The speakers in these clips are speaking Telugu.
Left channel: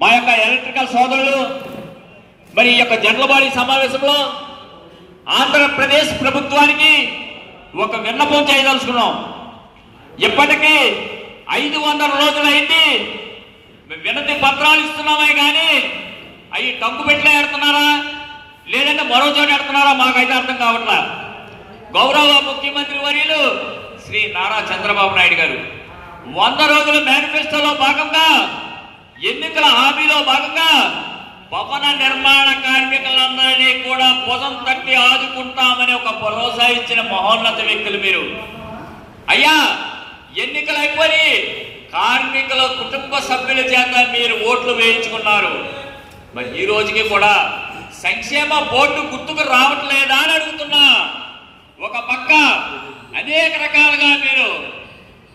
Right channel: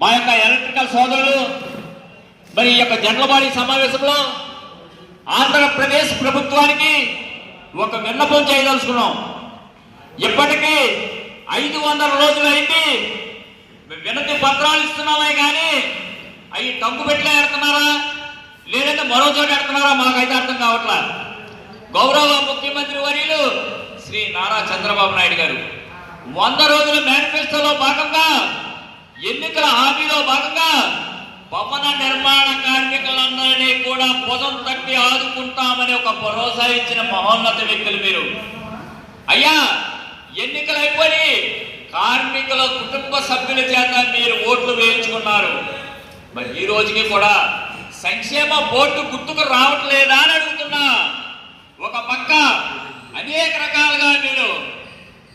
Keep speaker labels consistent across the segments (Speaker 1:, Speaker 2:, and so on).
Speaker 1: మా యొక్క ఎలక్ట్రికల్ సోదరులు మరి ఈ యొక్క జండ్లబాడి సమావేశంలో ఆంధ్రప్రదేశ్ ప్రభుత్వానికి ఒక విన్నపం చేయదలుచుకున్నాం. ఇప్పటికీ ఐదు వందల రోజులైంది. వినతి పత్రాలు ఇస్తున్నామే కానీ అవి టంకు పెట్లే ఎడుతున్నారా లేదంటే మరో చోట ఎడుతున్నారా మాకైతే అర్థం కావట్లా. గౌరవ ముఖ్యమంత్రి వర్యులు శ్రీ నారా చంద్రబాబు నాయుడు గారు వంద రోజుల మేనిఫెస్టోలో భాగంగా ఎన్నికల హామీలో భాగంగా భవన నిర్మాణ కార్మికులందరినీ కూడా పొదం తట్టి ఆదుకుంటామని ఒక భరోసా ఇచ్చిన మహోన్నత వ్యక్తులు మీరు. అయ్యా ఎన్నికలు అయిపోయి కార్మికుల కుటుంబ సభ్యుల చేత మీరు ఓట్లు వేయించుకున్నారు. మరి ఈ రోజుకి కూడా సంక్షేమ బోర్డు గుర్తుకు రావట్లేదా అని అడుగుతున్నా. ఒక పక్క అనేక రకాలుగా మీరు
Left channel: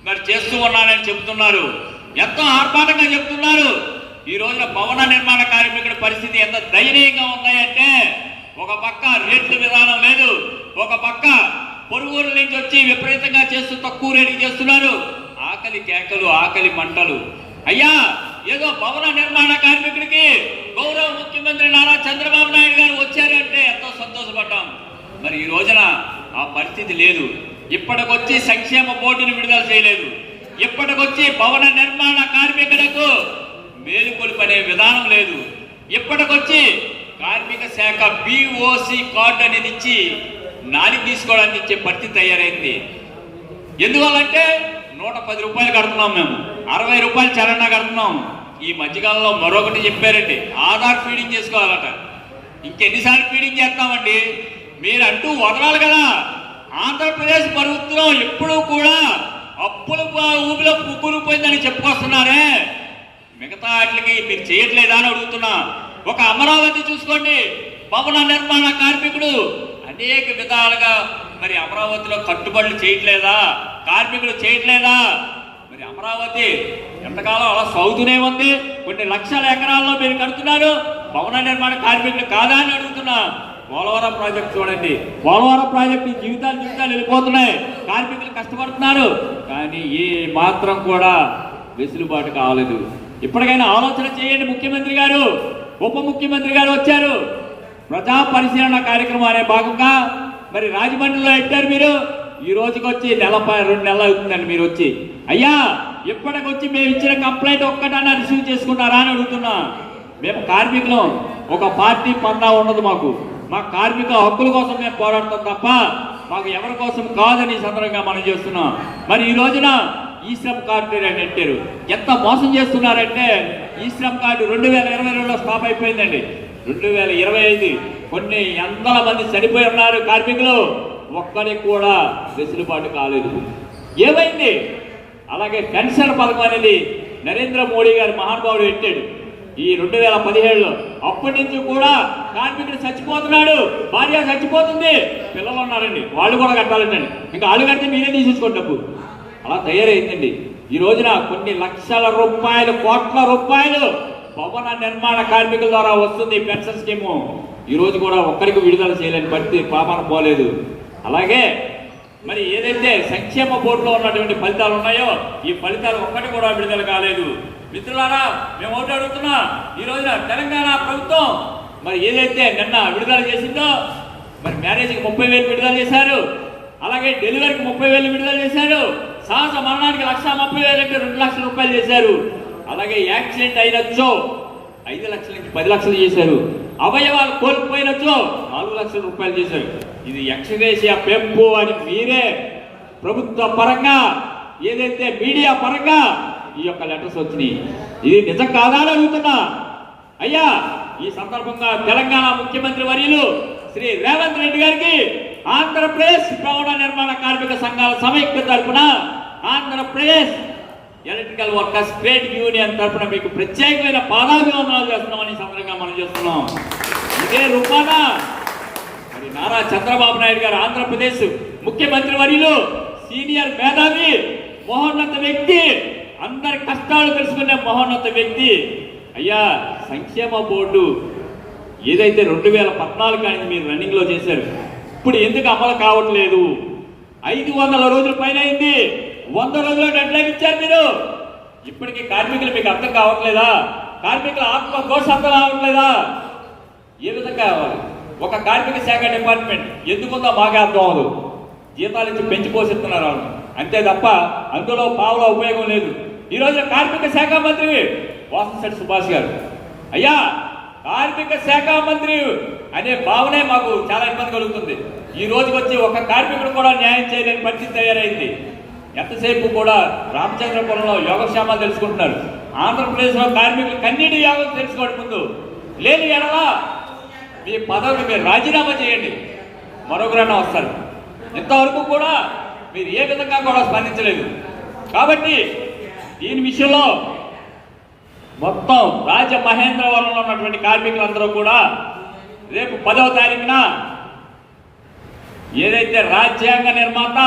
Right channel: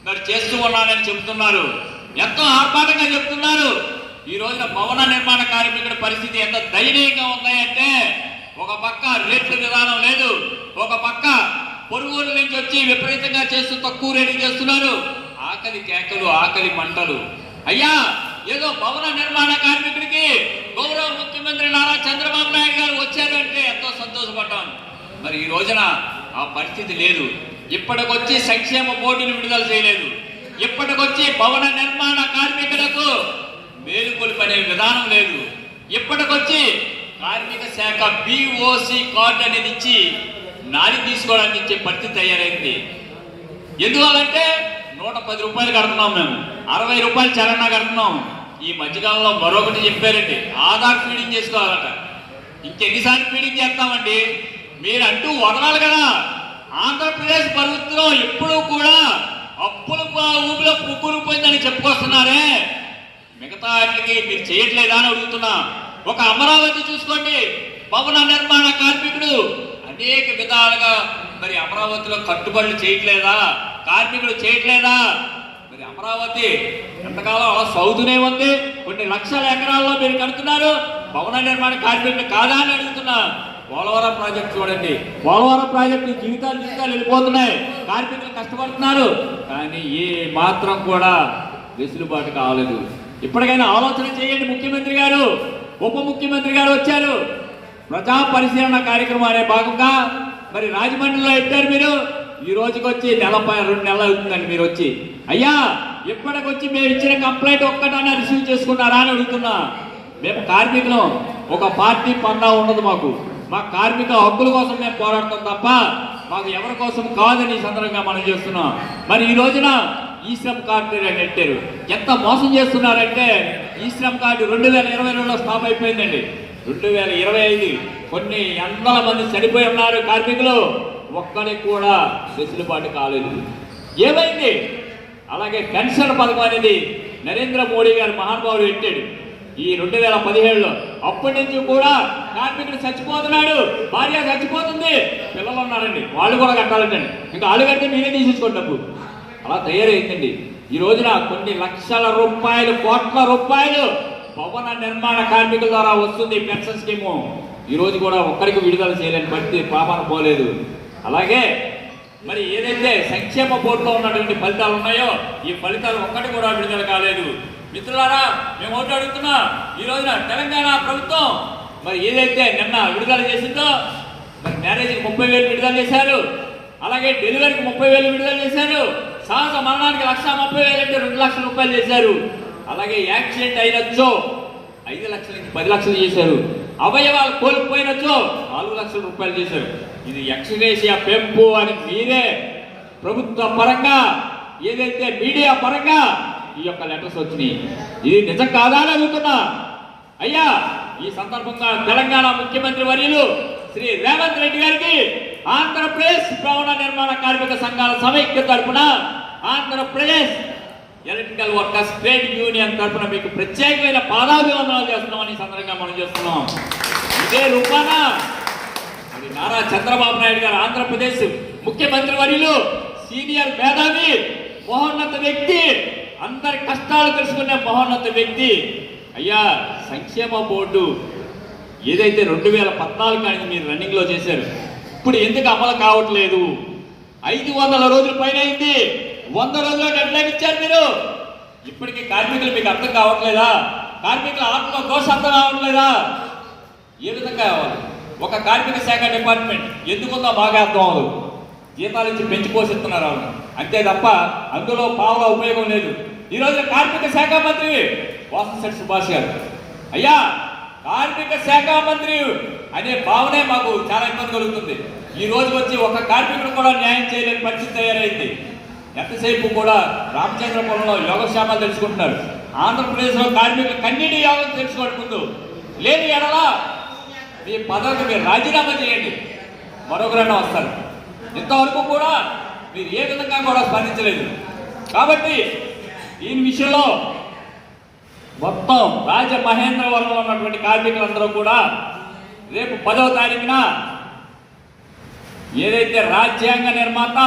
Speaker 1: మరి చేస్తూ ఉన్నానని చెప్తున్నారు. ఎంతో ఆర్భాటంగా చెప్తున్నారు. ఈ రోజున భవన నిర్మాణ కార్మికుడి పరిస్థితి ఎంత దయనీయంగా ఉన్నాయంటే ఒక పక్క రేట్లు విధానం లేదు ఒక పక్క పొరుగుల నుంచి వచ్చి విపరీతంగా చేస్తూ తక్కువ రేటు చేస్తున్నారు. ఆకలి కేకలు ఆకలి మంటలు. అయ్యా ఏదో భవన నిర్మాణ కార్మికుడికి గౌరవ ముఖ్యమంత్రి నారా చంద్రబాబు నాయుడు గారు వచ్చారంటే ఎంతో సంతోషపడ్డాం. మరి ఈ రోజున ఆ పరిస్థితి లేదు. ఇప్పటికొచ్చి సంక్షేమ బోర్డును విడుదల చేయలేదు. ఇప్పటికొచ్చి భవన నిర్మాణ కార్మికులకు మేలుకొల్పనే విధానం లేదు. ఇప్పటికొచ్చి కార్మిక శాఖ బిఓసి కార్డు అనేది ఇచ్చి నాలి తీసుకోవడానికి ఇచ్చే పరిస్థితి తయారైంది. ఎందువల్లంటే నూట పది రూపాయలు కడుతున్నాం మేము. అరవై రూపాయలు చలనా కడుతున్నాం. ఈ మధ్యకాలంలో మరొకటి చెప్పారండి. ఆధార్ ఫీడింగ్ చేసుకోవాలట. ఇంకెన్నిసార్లు ఫీడింగ్ చేస్తామండి? మీరు అంటూ వదలాలి కదా. ఆంధ్రప్రదేశ్ ప్రభుత్వం ఎప్పుడూ కూడా అప్పుల ఊబిలో ఊపిలో పుక్కులు పోయిందని చెప్పుకొస్తున్నారే. మిగతా వాటికి మీరు చేయట్లేదా అని అడుగుతున్నా. ఒక అమరావతి చూసుకోండి. భవన నిర్మాణ కార్మికుడు అనేక విధాలుగా మరి అమరావతిలో కట్టుబడులు చేయట్లేదా? కార్మికులు చేయట్లేదా? మరి అమరావతి ఎంతకాలం అలా సౌదునే ఉంది? కొన్ని లక్షల ఎకరాల్లో మీరు కడుతున్నారు. భవన నిర్మాణ కార్మికులు కాదా అని అడుగుతున్నా. పోలవరం ప్రాజెక్ట్ చూడండి. పోలవరం ప్రాజెక్టు జీవితాలు జీవితాలు వెళ్ళిపోతున్నాయి. కార్మికులు కష్టపడుతున్నారు. కానీ ఏ మాత్రం కూడా వెసులుబాటు కావలేదు. ఇప్పటికైనా ఆలోచన చేయండి ముఖ్యమంత్రి గారు. ఉప ముఖ్యమంత్రి గారు వచ్చారు. ప్రజా పరిశీలన కార్యక్రమం అనే భాగంగా మరి రాజమండ్రిలో పెట్టారు మీరు? ఈ రోజుకి వచ్చి నెల రెండు నెలలు అవుతుందండి మీరు వచ్చి. అయ్యా ఇప్పటికొచ్చి మేము ఇచ్చిన కంప్లైంట్ ఒక్కటన్నా రిసీవ్ చేసుకున్నారా అని అడుగుతున్నా. మేము కార్మికులం. ఒక పార్టీ పందా ఉండదు మాకు. మా కార్మిక హక్కుల కోసం మేము పోరాడతాం తప్ప మాకు ఎవరి కోసం కాదని సందర్భంగా మనం చేస్తున్నాం. మరి ఈ రోజున ఈ శ్రమ్ కార్డు అని పెట్టారు ఎంత మోసం చేస్తున్నారంటే ఈ శ్రమ్ కార్డు రెండు వేల ఇరవై రెండులో స్టాప్ అయిపోయిందండి. రెండు వేల ఇరవై ఐదు కొన్ని వందల మంది చనిపోయి ఉన్నారు కార్మికులు. ఒక్కడికి కూడా వెసులుబాటు కాలేదు. ఏమైంది? అలాగే పెన్షన్ పథకం అనేది నరేంద్ర మోడీ గారి మహానుభావుడు పెట్టాడు. ఈ రెండు వేల పదిహేడులో అప్పటి నుంచి కూడా కార్మికుడు చచ్చిపోతున్నాడు. భార్య చచ్చిపోతుంది. పిల్లలు ఉన్నారండి. వాళ్ళు కూడా కట్టాలంటండి. ఇంకా వాళ్ళు కడితే మీరే తీసేసుకోండి డబ్బు. అలా తయారైందండి. ఈ రోజున కొన్ని లక్షల రూపాయలు కోట్ల రూపాయలు భవన నిర్మాణ కార్మికుల ద్వారా వస్తుంది పెన్షన్ స్కీము. ఈ రోజు కూడా ఒక్కరికి విడుదల చేయలేని పరిస్థితి పాపన పోలేదు. అలాగే మరి ఏదైతే సంక్షేమ బోర్డులో ఉన్నటువంటి ఫలితాలు ఉన్నాయో ఈ ఫలితాలు ఒక్కటి కూడా విడుదల కాలేదు. మిత్రులారా మేము ఒకటి అడుగుతున్నా ఈ రోజున తెలంగాణ ప్రభుత్వం మరి ఏదైతే నిన్న విడుదల చేసిందో మరి మ్యారేజ్కి ముప్పై వేలు విడుదల చేశారు. అలాగే డెలివరీకి ముప్పై వేలు విడుదల చేశారు. సహజ మరణానికి లక్ష ముప్పై వేలు అంటే రెండు లక్షల రూపాయలు చేశారు. అలాగే యాక్సిడెంట్ అయినచ్చో ఐదు లక్షల నుంచి పది లక్షలు చేశారు. అవయవాలు కోల్పోయినచ్చో నాలుగు లక్షల రూపాయలు చేశారు. ఇది ఎక్స్రేషియా పెంపు అని మీరే ప్రభుత్వ పరంగా ఏదైతే మీడియా పరంగా ఈ యొక్క లెటర్స్ వచ్చినాయి. ఇది నిజం కాదా అని అడుగుతున్నా. అయ్యా ఈ సందర్భంగా తెలంగాణ ముఖ్యమంత్రి వర్యులు శ్రీ రేవంత్ రెడ్డి గారికి ఆంధ్రప్రదేశ్ భవన నిర్మాణ కార్మిక సంఘాల సమైక్య తరపున Andhra Pradesh electrical workers trade union తరఫున మీకు ప్రత్యేకమైన పాదాభివందనాలు చేస్తున్నామని సందర్భంగా మనం చేస్తున్నాం. ఇదే రూపాన మరి నారా చంద్రబాబు నాయుడు గారు ఆంధ్రప్రదేశ్ ముఖ్యమంత్రి వర్యులు సీనియర్ మేధావి మహోన్నత వ్యక్తి అందరి కష్టాలు తెలుసుకునే మహోన్నత వ్యక్తి. అయ్యా సంక్షేమ బోర్డు ఏదైతే రెండు వేల పద్నాలుగు కానీ మీరు రన్నింగ్లో చేశారు ఇప్పుడు ఎందుకు అమలు కావట్లేదు? ఐదు వందల రోజుల పైన అయింది. వంద రోజుల్లో డెడ్లైన్ ఇచ్చారు మీరు. ఇప్పటికీ కార్మికులు మీకు అర్థం కావట్లేదా? కార్మికుల ఆత్మ దోష అర్థం కావట్లేదా ఏ విధంగా కావాలి? ఒక కార్మిక శాఖ డిపార్ట్మెంట్ ఎందుకుందో బాగా అర్థం అవ్వదు. జీతాలు ఇచ్చి పెంచిపోసిస్తున్నారు పోషిస్తున్నారు అంతే తప్ప అందులో పావుగా ఉపయోగం లేదు. ఈ కార్మిక శాఖ మంత్రి వాసంశెట్టి సుభాష్ గారు. అయ్యా కార్మిక శాఖ మంత్రి అనే భావనే మాకు చాలా ఇబ్బంది కలుగుతుంది. ఈ రోజు వచ్చి ఒక కార్మికుడు కూడా న్యాయం చేయలేని పరిస్థితి తయారైంది. ఎంతసేపు కూడా రామచంద్రపురంలో యోగక్షేమాలు తెలుసుకుంటున్నారు. ఆంధ్రప్రదేశ్లో కార్మికులు కన్నీటి యోగం తెలుసుకోవడం ముందు లేని ఎడలా మీ పదవికి మీరు రాజీనామా చేయండి. మరొకరైనా వస్తారు. ఇంతవరకు కూడా మీరు ఏ విధంగా కూడా స్పందించలేదు. కాబట్టి దీని విషయంలో మొత్తం రాజమహేంద్రవరంలో ఉన్నటువంటి కార్మికులందరూ కూడా రేపు పదవ తారీఖున ఏదైతే రాజ్యాంగ నిర్మాత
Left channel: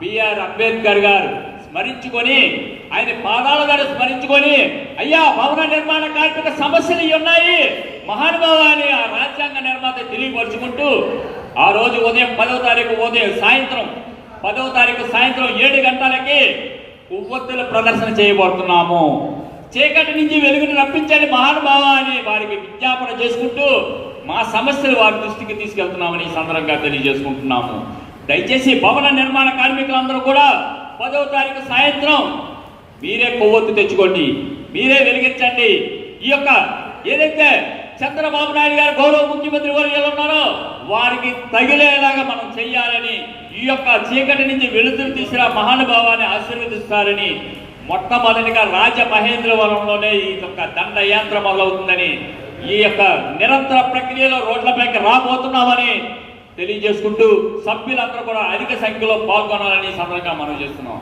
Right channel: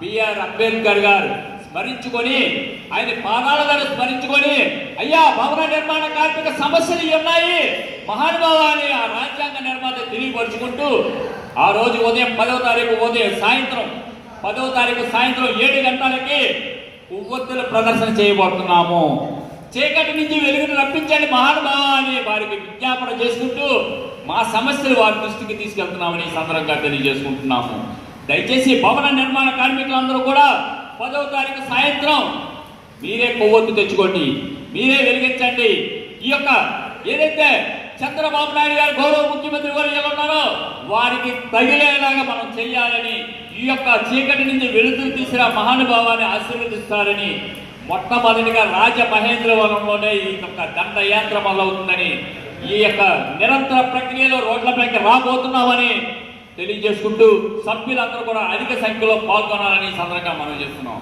Speaker 1: బిఆర్ అంబేద్కర్ గారు స్మరించుకొని ఆయన పాదాల గారు స్మరించుకొని అయ్యా భవన నిర్మాణ కార్మిక సమస్యలు ఉన్నాయి. మహానుభావాన్ని ఆ రాజ్యాంగ నిర్మాత తెలియపరుచుకుంటూ ఆ రోజు ఉదయం పదవ తారీఖు ఉదయం సాయంత్రం పదవ తారీఖు సాయంత్రం ఏడు గంటలకి కొవ్వొత్తుల ప్రదర్శన చేయబోతున్నాము. చీకటి నుంచి వెలుగును రప్పించండి మహానుభావ అని వారికి విజ్ఞాపన చేసుకుంటూ మా సమస్యలు వారి దృష్టికి తీసుకెళ్తున్నామని ఈ సందర్భంగా తెలియజేసుకుంటున్నాము. దయచేసి భవన నిర్మాణ కార్మికులందరూ కూడా పదవ తారీఖు సాయంత్రం మీరే కొవ్వొత్తు తెచ్చుకోండి మీరే వెలిగించండి. ఈ యొక్క ఏదైతే చంద్రబాబు నాయుడు గారు గౌరవ ముఖ్యమంత్రి వర్యాలు ఉన్నారో వారికి తగిలేలాగా మనం చెయ్యాలని ఈ యొక్క చీకటి నుంచి వెలుతురు తీసిన మహానుభావాన్ని ఆశీర్వదిస్తారని మొట్టమొదటిగా రాజమహేంద్రవరంలోనే ఈ యొక్క దండయాత్ర మొదలవుతుందని ఈ యొక్క నిరంతర ప్రక్రియలో రోడ్లపైకి రాబోతున్నామని తెలియజేసుకుంటూ సభ్యులందరూ కూడా అధిక సంఖ్యలో పాల్గొనాలని సందర్భంగా మనం చేస్తున్నాం.